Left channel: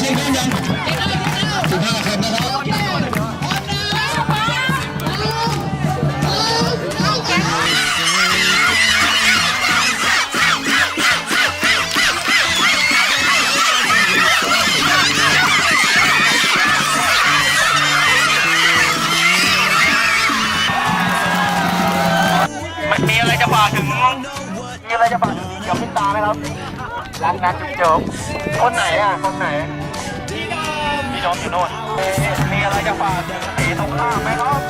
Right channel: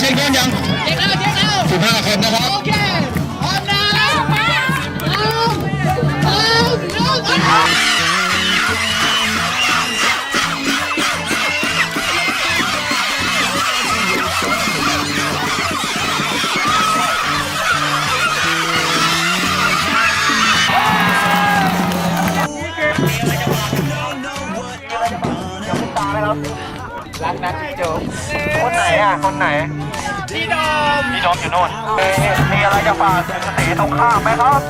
เช็คได้ยัง15 คนนะครับมีอะไรจะฝากถึงเกี่ยวกับตาไหมครับรักนะจุ๊บคนไหนอ่ะคนไหนพี่ดอมอยู่โน่นมีอะไรจะฝากถึงสีตรงข้ามไหมครับ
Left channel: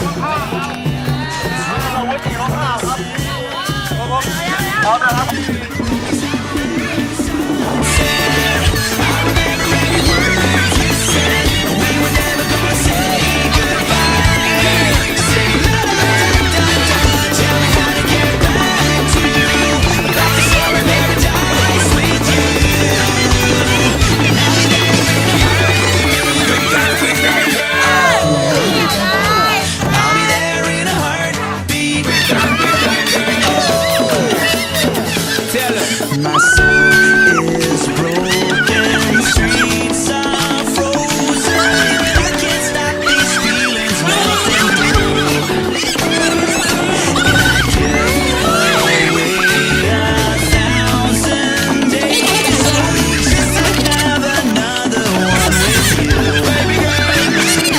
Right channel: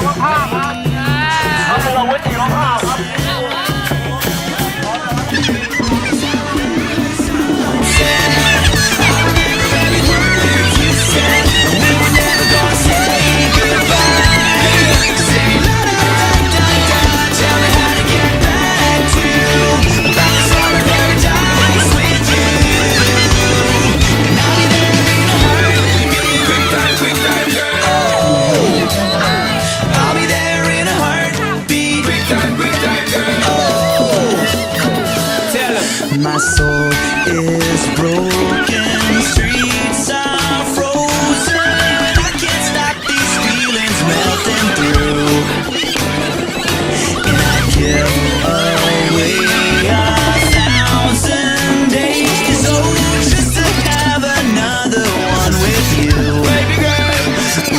ตรงข้ามครับเราไว้สีตรงข้ามครับพร้อมนะครับMy soul is broken, streets are frozen. I can't stop these feelings melting through. And I give away 1,000 days, oh, just to have another one with you. Baby girl,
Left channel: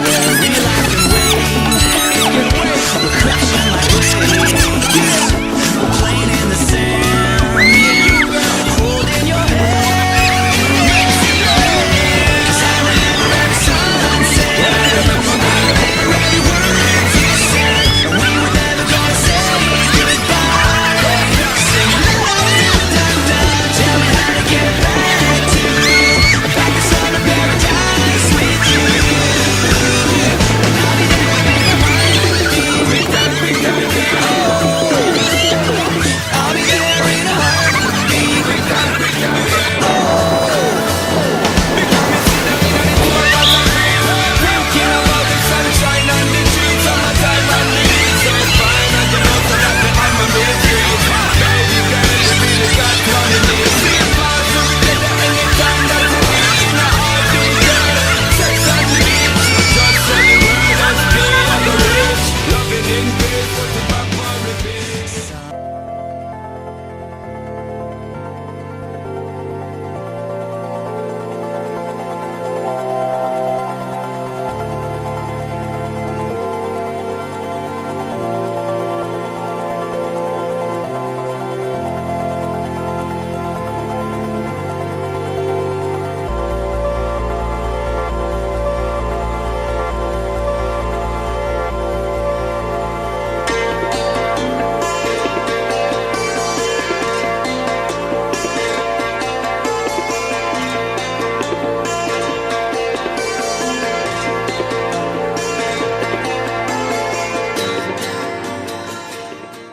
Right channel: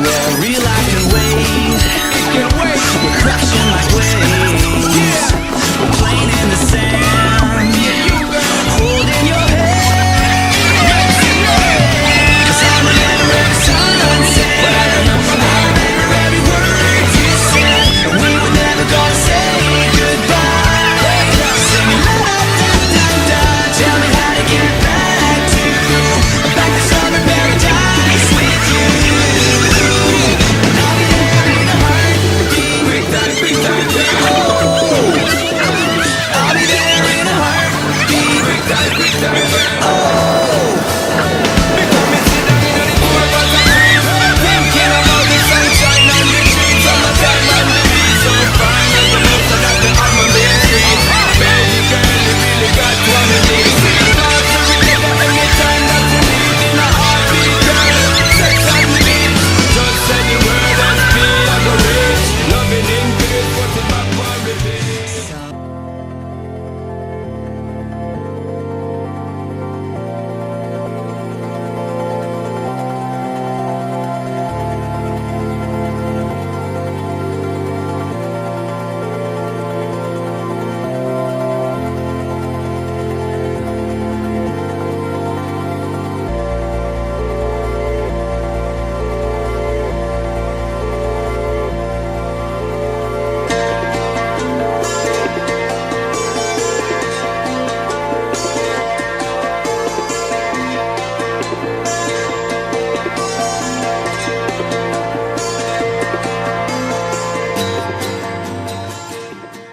where real life can wait. We're crashing like waves. We're playing in the sand. Streets.